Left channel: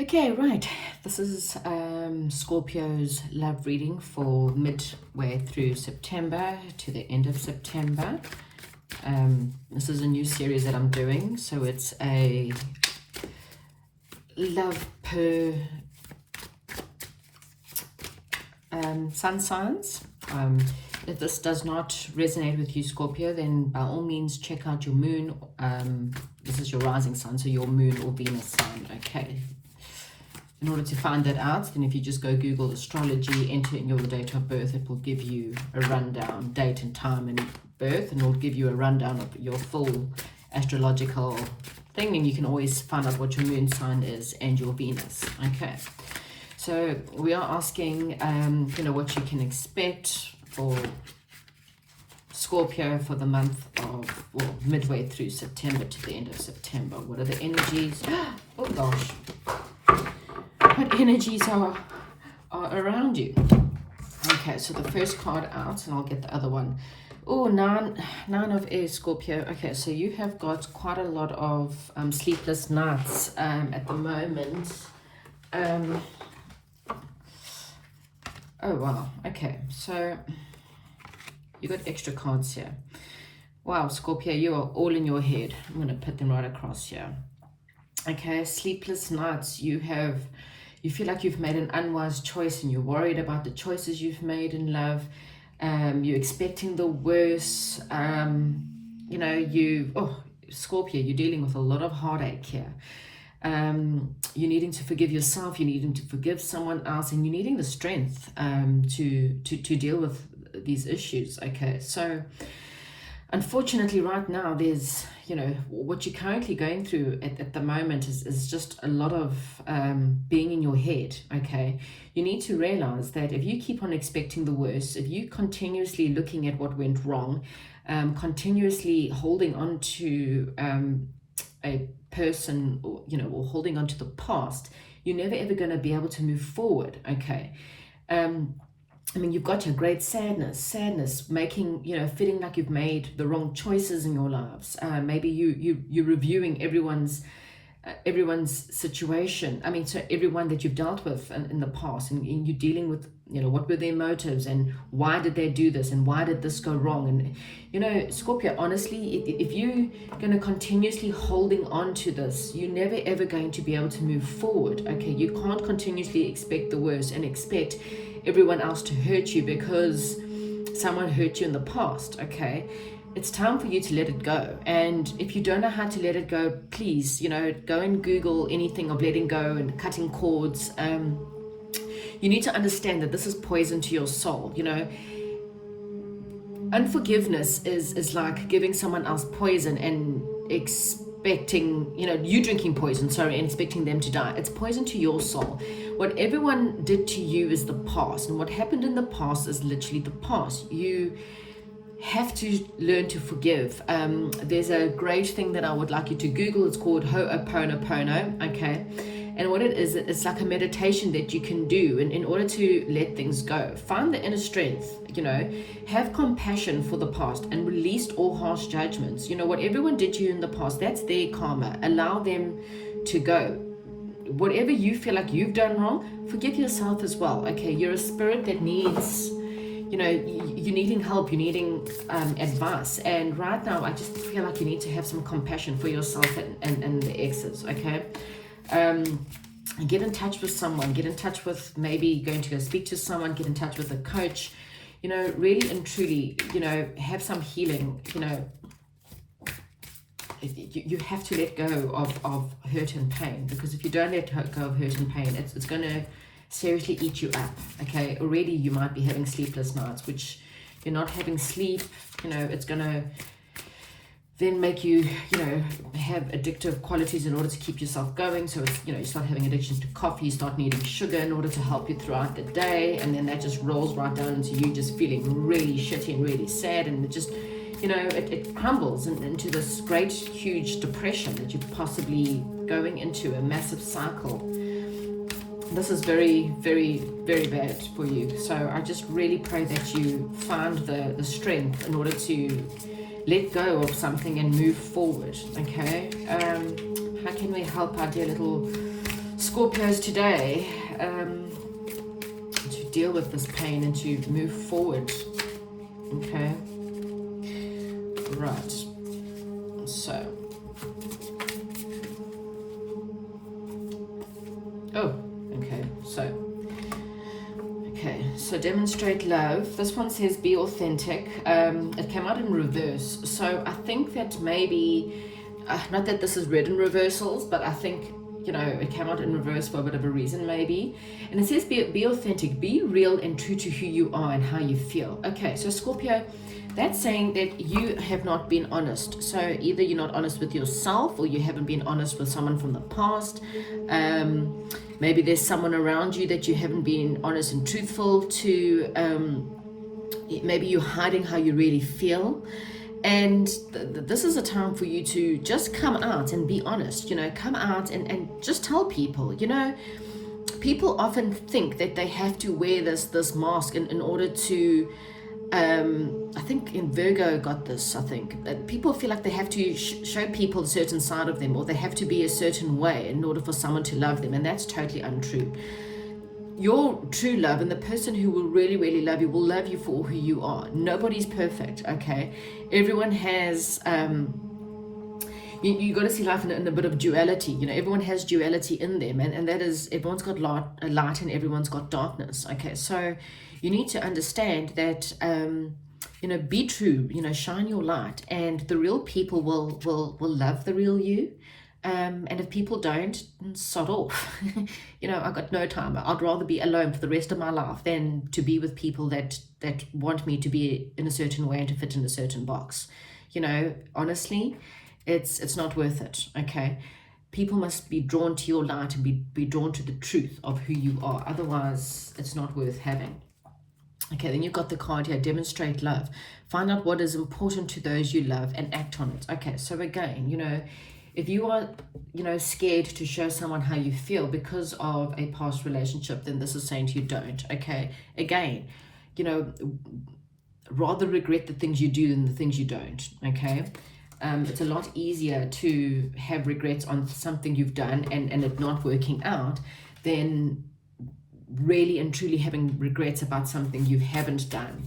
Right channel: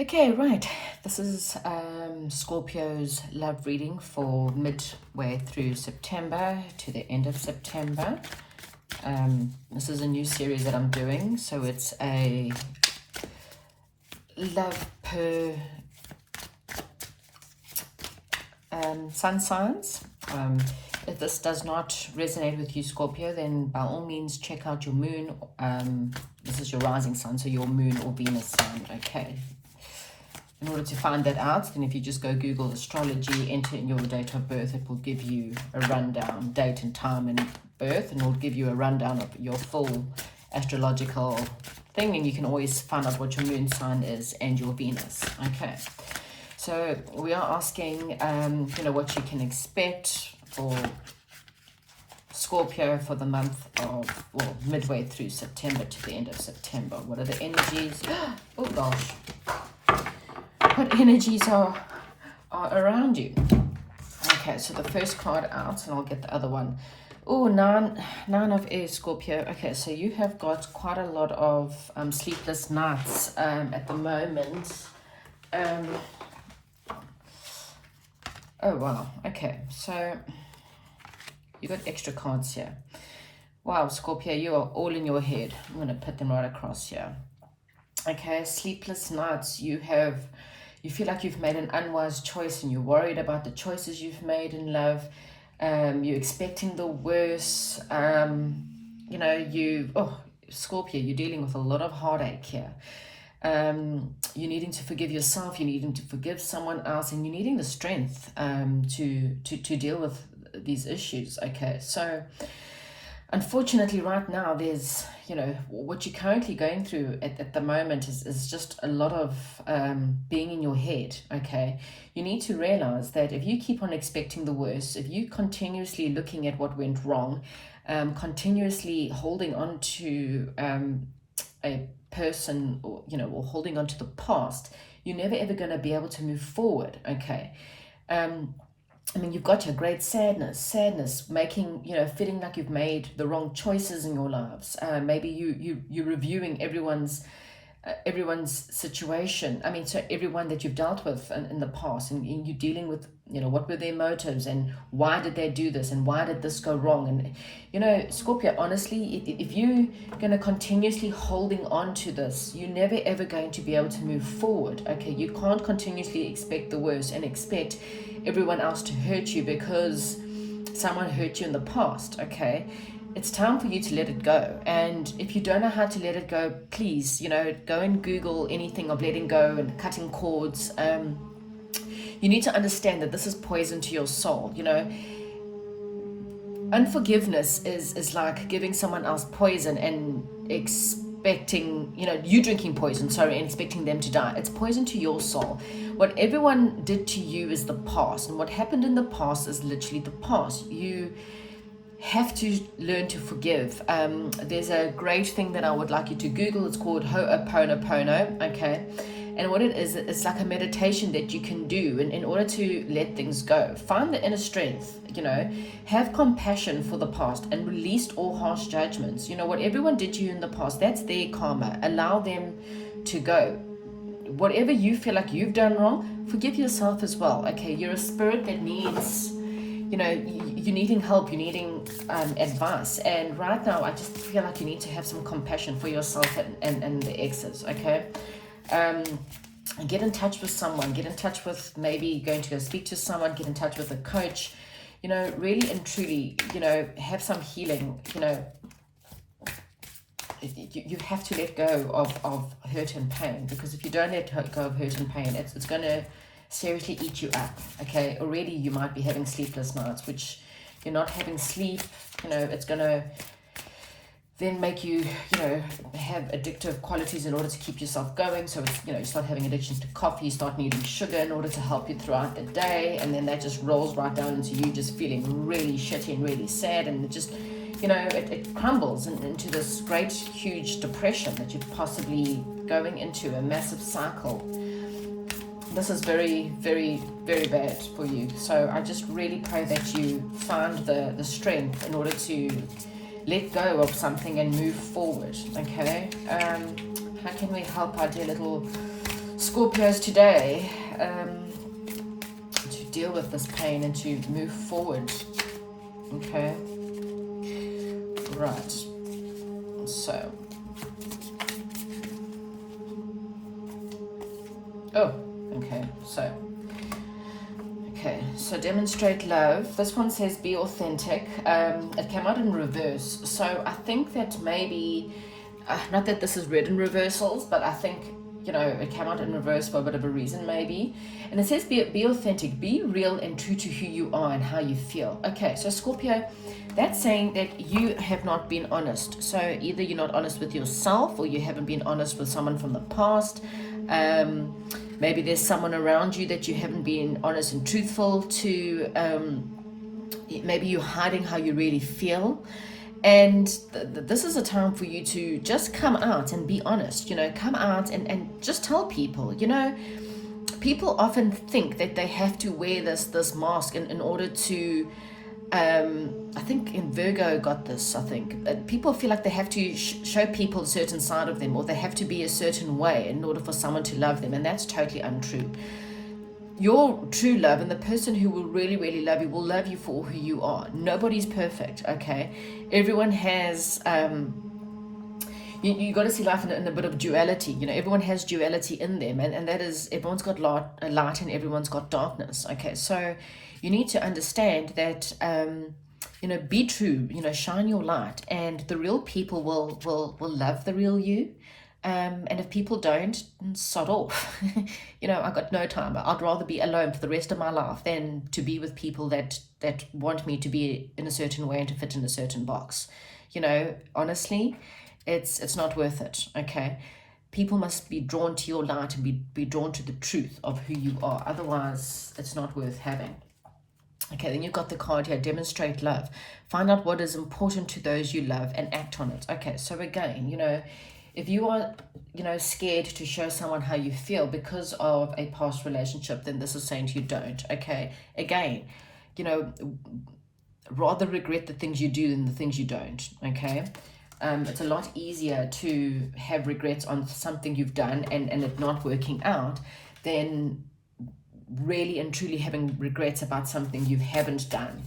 Okay, right. This is Scorpio's love reading for midway through September to the end of September. This is a new series that I'm doing, so it's a love per sun signs. If this does not resonate with you, Scorpio, then by all means check out your moon. This is your rising sun, so your moon or Venus sign, okay? In order to find that out, then if you just go Google astrology, enter in your date of birth, it will give you a rundown, date and time and birth, and it will give you a rundown of your full astrological thing, and you can always find out what your moon sign is and your Venus. Okay, so we are asking, what you can expect for Scorpio for the month of, well, midway through September to the end of September. What are the energies? Oh gosh. What energies are around you? Okay, so the first card out, and I'll get the other one. Oh, nine of Air, Scorpio. Okay, so you have got quite a lot of sleepless nights at the moment. Oh wow. Okay, so you got extra cards here. Wow, Scorpio, you are all in your head. I'm going to put them right across here. Okay, sleepless nights. You feel like you've made an unwise choice and you're worried about the choices you've made in love. You're expecting the worst. Scorpio, you're dealing with a lot of heartache here. You're needing to forgive yourself, you're needing to forgive someone else, and you're needing the strength to deal with these issues. Okay, so unfortunately right now there's what you're currently going through at the moment is just a lot of being in your head. Okay, you need to realize that if you keep on expecting the worst, if you continuously looking at what went wrong, continuously holding on to a person, or holding on to the past, you're never ever going to be able to move forward. Okay, you've got your great sadness, making, feeling like you've made the wrong choices in your lives. Maybe you're reviewing everyone's situation. So everyone that you've dealt with in the past, and you're dealing with, what were their motives and why did they do this and why did this go wrong? And, Scorpio, honestly, if you're going to continuously holding on to this, you're never ever going to be able to move forward. Okay, you can't continuously expect the worst and expect everyone else to hurt you because someone hurt you in the past. Okay, it's time for you to let it go. And if you don't know how to let it go, please, go and Google anything of letting go and cutting cords. You need to understand that this is poison to your soul. Unforgiveness is like giving someone else poison and expecting, you drinking poison, and expecting them to die. It's poison to your soul. What everyone did to you is the past, and what happened in the past is literally the past. You have to learn to forgive. There's a great thing that I would like you to Google. It's called Ho'oponopono. Okay, and what it is, it's like a meditation that you can do in order to let things go. Find the inner strength, have compassion for the past and release all harsh judgments. What everyone did to you in the past, that's their karma. Allow them to go. Whatever you feel like you've done wrong, forgive yourself as well. Okay, you're a spirit that needs, you're needing help, you're needing advice. And right now, I just feel like you need to have some compassion for yourself and the exes. Okay, get in touch with someone, get in touch with maybe going to go speak to someone, get in touch with a coach, really and truly, have some healing. You have to let go of hurt and pain, because if you don't let go of hurt and pain, it's going to seriously eat you up. Okay, already you might be having sleepless nights, which you're not having sleep. It's going to then make you, have addictive qualities in order to keep yourself going. So it's, you start having addictions to coffee, you start needing sugar in order to help you throughout the day, and then that just rolls right down into you just feeling really shitty and really sad, and it just, it crumbles into this great, huge depression that you're possibly going into, a massive cycle. This is very, very, very bad for you. So I just really pray that you find the strength in order to let go of something and move forward. Okay, how can we help our dear little Scorpios today, to deal with this pain and to move forward. Okay. Right. So. Oh, okay. So demonstrate love. This one says be authentic. It came out in reverse. So I think that maybe, not that this is read in reversals, but I think, it came out in reverse for a bit of a reason maybe. And it says be authentic, be real and true to who you are and how you feel. Okay, so Scorpio, that's saying that you have not been honest. So either you're not honest with yourself or you haven't been honest with someone from the past. Maybe there's someone around you that you haven't been honest and truthful to. Maybe you're hiding how you really feel. And this is a time for you to just come out and be honest, come out and just tell people, people often think that they have to wear this mask in order to, I think in Virgo got this, I think. People feel like they have to show people a certain side of them, or they have to be a certain way in order for someone to love them, and that's totally untrue. Your true love and the person who will really, really love you will love you for who you are. Nobody's perfect, okay? Everyone has, you got to see life in a bit of duality. Everyone has duality in them, and that is everyone's got light and everyone's got darkness, okay? So you need to understand that, be true, shine your light, and the real people will love the real you. And if people don't, sod off. I've got no time. I'd rather be alone for the rest of my life than to be with people that want me to be in a certain way and to fit in a certain box. Honestly, it's not worth it, okay? People must be drawn to your light and be drawn to the truth of who you are. Otherwise, it's not worth having. Okay, then you've got the card here, demonstrate love. Find out what is important to those you love and act on it. Okay, so again, if you are, scared to show someone how you feel because of a past relationship, then this is saying to you, don't, okay? Again, rather regret the things you do than the things you don't, okay? It's a lot easier to have regrets on something you've done and it not working out than really and truly having regrets about something you haven't done.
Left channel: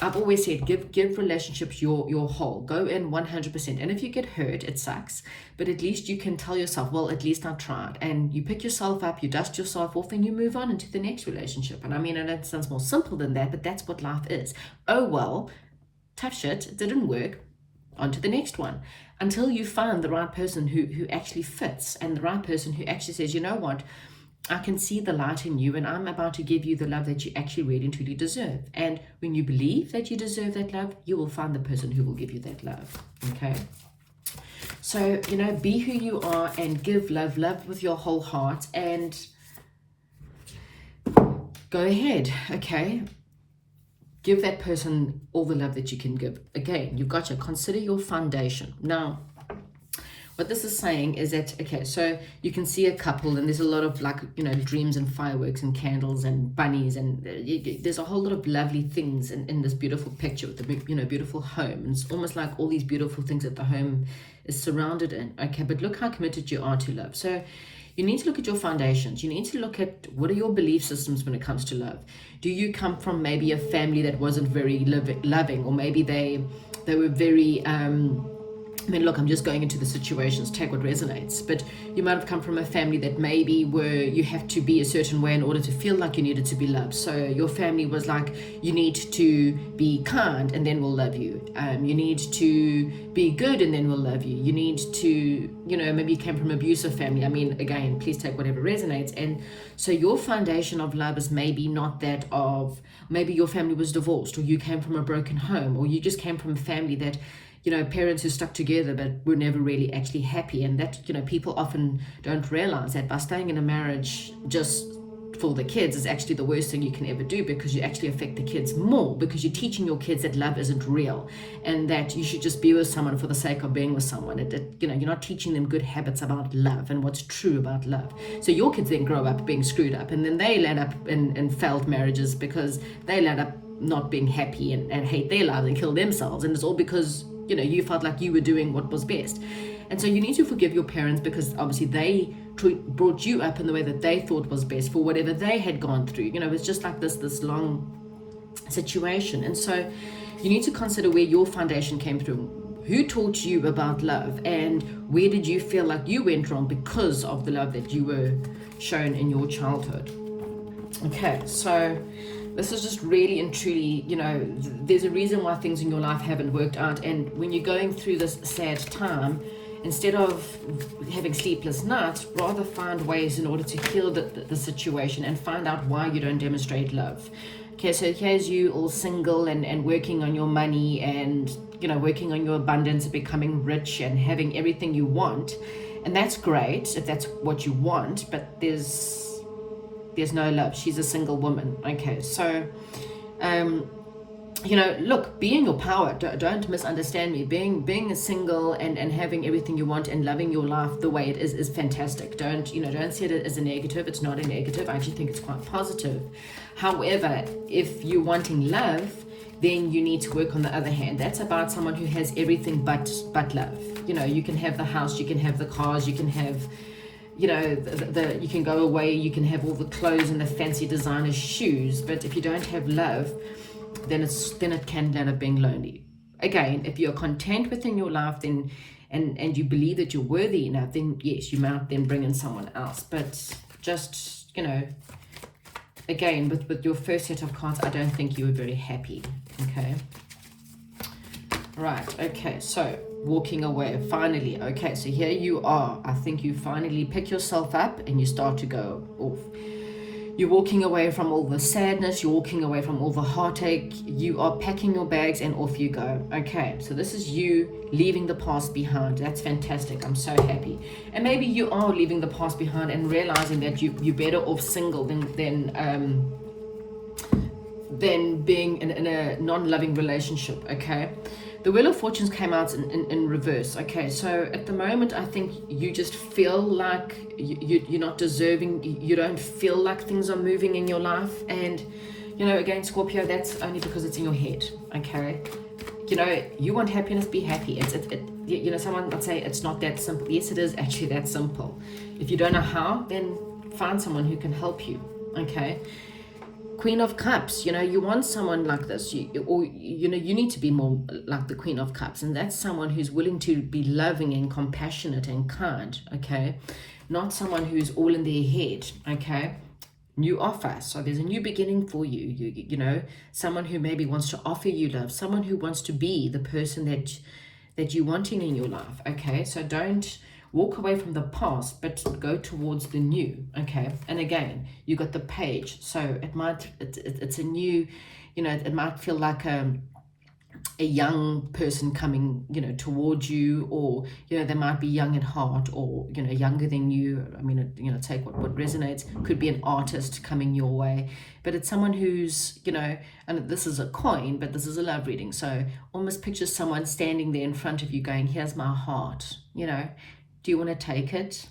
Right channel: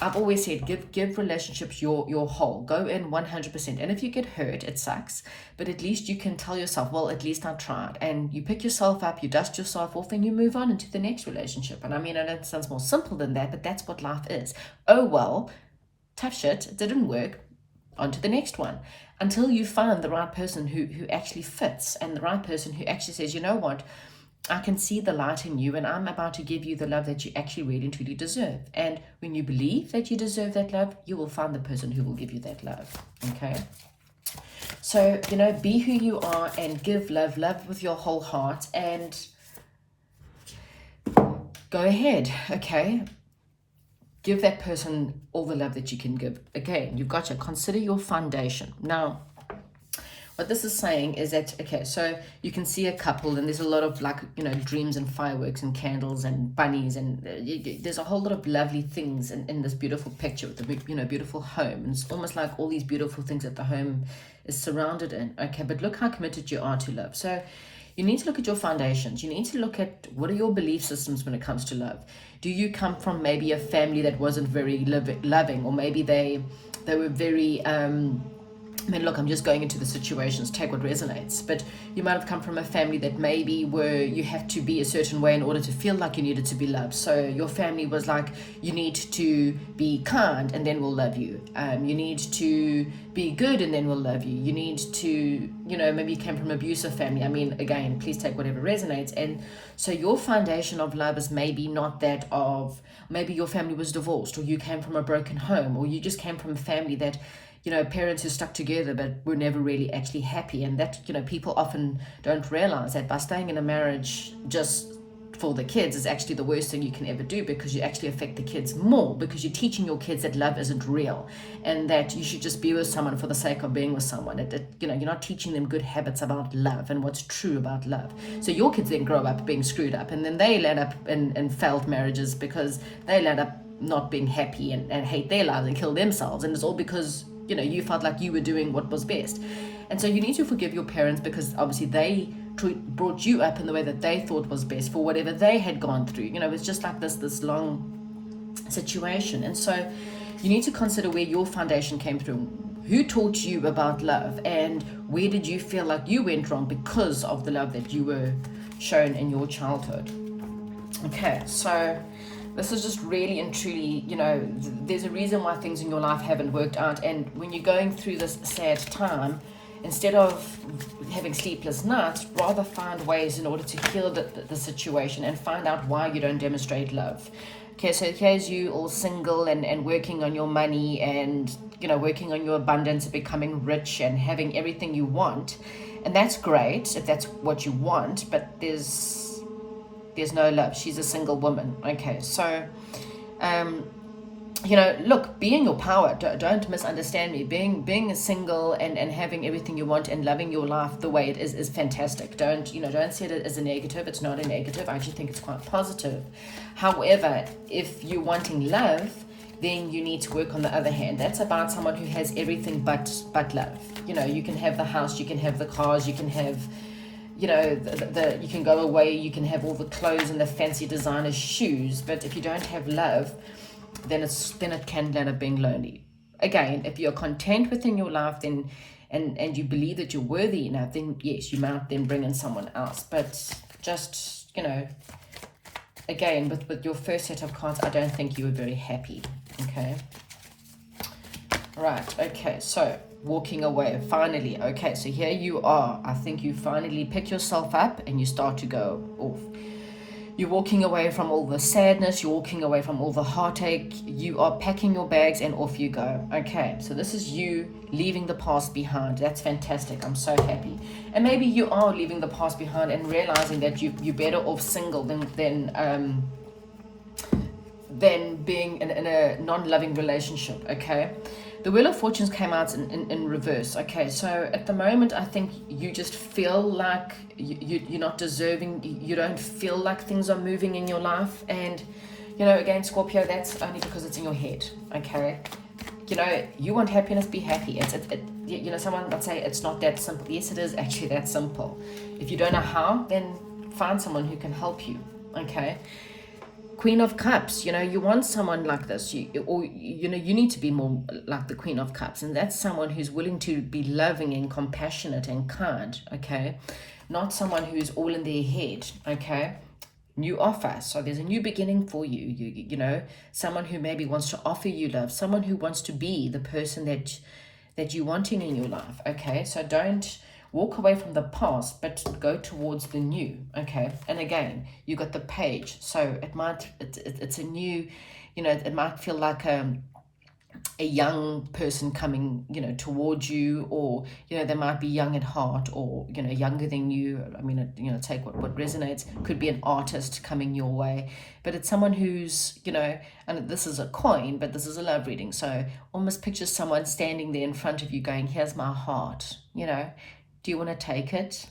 I've always said give relationships your whole. Go in 100%. And if you get hurt, it sucks. But at least you can tell yourself, well, at least I tried. And you pick yourself up, you dust yourself off, and you move on into the next relationship. And I know it sounds more simple than that, but that's what life is. Oh, well, tough shit, it didn't work. On to the next one. Until you find the right person who actually fits, and the right person who actually says, you know what, I can see the light in you, and I'm about to give you the love that you actually really and truly deserve. And when you believe that you deserve that love, you will find the person who will give you that love. Okay? So, be who you are and give love with your whole heart, and go ahead, okay? Give that person all the love that you can give. Again, you've got to consider your foundation. Now, what this is saying is that, okay, so you can see a couple and there's a lot of dreams and fireworks and candles and bunnies, and there's a whole lot of lovely things in this beautiful picture with the beautiful home. And it's almost like all these beautiful things that the home is surrounded in. Okay, but look how committed you are to love. So you need to look at your foundations. You need to look at what are your belief systems when it comes to love. Do you come from maybe a family that wasn't very loving, or maybe they were very look, I'm just going into the situations, take what resonates, but you might have come from a family that maybe where you have to be a certain way in order to feel like you needed to be loved. So your family was like, you need to be kind and then we'll love you. You need to be good and then we'll love you. You need to, maybe you came from an abusive family. Again, please take whatever resonates. And so your foundation of love is maybe not that of, maybe your family was divorced, or you came from a broken home, or you just came from a family that, parents who stuck together but were never really actually happy. And that, people often don't realize that by staying in a marriage just for the kids is actually the worst thing you can ever do, because you actually affect the kids more, because you're teaching your kids that love isn't real and that you should just be with someone for the sake of being with someone. You're not teaching them good habits about love and what's true about love. So your kids then grow up being screwed up, and then they land up in failed marriages because they land up not being happy and hate their lives and kill themselves. And it's all because you felt like you were doing what was best. And so you need to forgive your parents, because obviously they brought you up in the way that they thought was best for whatever they had gone through. You know, it's just like this long situation. And so you need to consider where your foundation came through. Who taught you about love, and where did you feel like you went wrong because of the love that you were shown in your childhood? Okay, so this is just really and truly, you know, there's a reason why things in your life haven't worked out. And when you're going through this sad time, instead of having sleepless nights, rather find ways in order to heal the situation and find out why you don't demonstrate love. Okay, so here's you all single and working on your money and, you know, working on your abundance, becoming rich and having everything you want. And that's great if that's what you want, but there's no love. She's a single woman. Okay, so you know, look, be in your power. Don't misunderstand me. Being single and having everything you want and loving your life the way it is fantastic. Don't see it as a negative. It's not a negative. I actually think it's quite positive. However, if you're wanting love, then you need to work on the other hand. That's about someone who has everything but love. You know, you can have the house, you can have the cars, you can have, you know, you can go away, you can have all the clothes and the fancy designer shoes, but if you don't have love, then it can end up being lonely. Again, if you're content within your life, then and you believe that you're worthy enough, then yes, you might then bring in someone else. But just, you know, again, with your first set of cards, I don't think you were very happy. Okay. Right. Okay. So walking away, finally. Okay, so here you are. I think you finally pick yourself up and you start to go off. You're walking away from all the sadness, you're walking away from all the heartache, you are packing your bags and off you go. Okay, so this is you leaving the past behind. That's fantastic. I'm so happy. And maybe you are leaving the past behind and realizing that you're better off single than being in a non-loving relationship. Okay, the Wheel of Fortunes came out in reverse. Okay, so at the moment, I think you just feel like you're not deserving. You don't feel like things are moving in your life. And, you know, again, Scorpio, that's only because it's in your head. Okay, you know, you want happiness, be happy. You know, someone would say it's not that simple. Yes, it is actually that simple. If you don't know how, then find someone who can help you. Okay. Queen of Cups, you know, you want someone like this, you need to be more like the Queen of Cups, and that's someone who's willing to be loving and compassionate and kind. Okay, not someone who's all in their head. Okay, new offer, so there's a new beginning for you. You know, someone who maybe wants to offer you love, someone who wants to be the person that you're wanting in your life. Okay, so don't walk away from the past, but go towards the new. Okay, and again, you got the Page, so it's a new, you know, it might feel like a young person coming, you know, towards you, or, you know, they might be young at heart, or, you know, younger than you. I mean, you know, take what resonates. Could be an artist coming your way, but it's someone who's, you know, and this is a coin, but this is a love reading, so almost picture someone standing there in front of you going, here's my heart, you know, do you want to take it?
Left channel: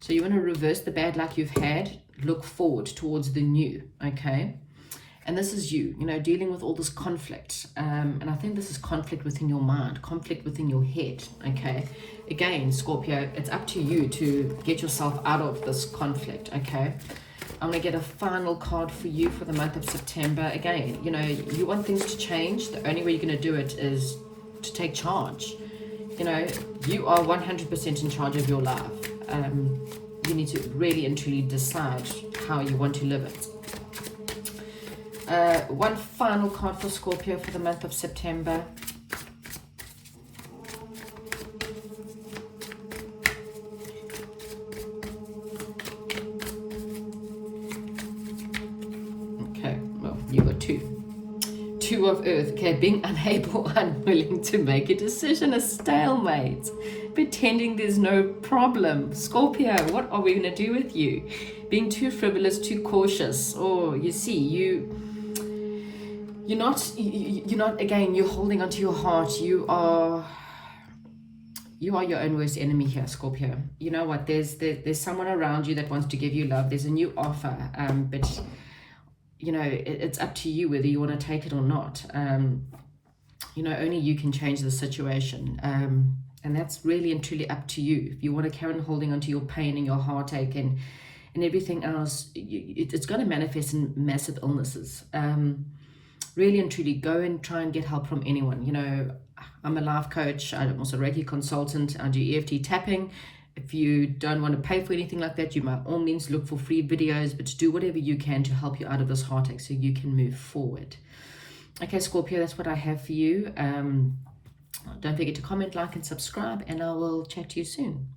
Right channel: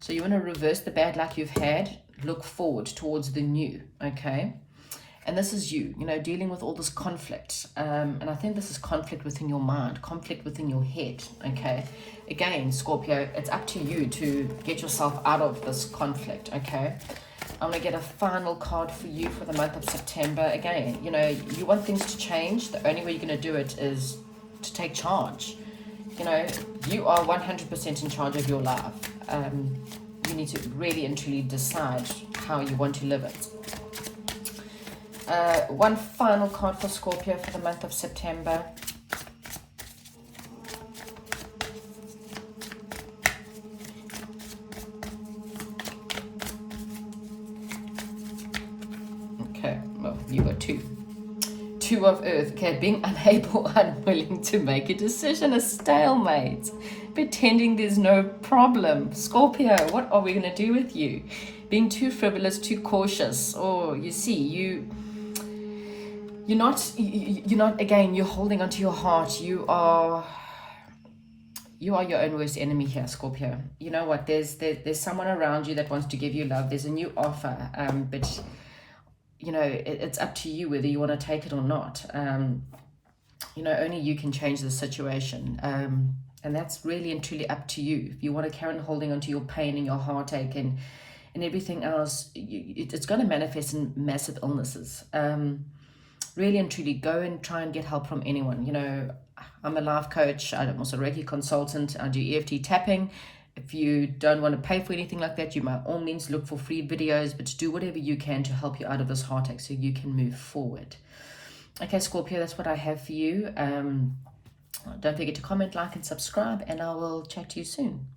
So you want to reverse the bad luck you've had, look forward towards the new. Okay, and this is you know, dealing with all this conflict, and I think this is conflict within your mind, conflict within your head. Okay, again, Scorpio, it's up to you to get yourself out of this conflict. Okay, I'm going to get a final card for you for the month of September. Again, you know, you want things to change. The only way you're going to do it is to take charge. You know, you are 100% in charge of your life. You need to really and truly decide how you want to live it. One final card for Scorpio for the month of September. Okay, well, you got two. Two of Earth. Okay, being unable, unwilling to make a decision, a stalemate, pretending there's no problem. Scorpio, what are we going to do with you? Being too frivolous, too cautious. Oh, you see, you're not, again, you're holding onto your heart. You are your own worst enemy here, Scorpio. You know what, there's someone around you that wants to give you love. There's a new offer, but you know, it's up to you whether you want to take it or not. You know, only you can change the situation. And that's really and truly up to you. If you want to carry on holding onto your pain and your heartache and everything else, it's going to manifest in massive illnesses. Really and truly, go and try and get help from anyone. You know, I'm a life coach. I'm also a Reiki consultant. I do EFT tapping. If you don't want to pay for anything like that, you by all means look for free videos, but do whatever you can to help you out of this heartache so you can move forward. Okay, Scorpio, that's what I have for you. Don't forget to comment, like, and subscribe, and I will chat to you soon.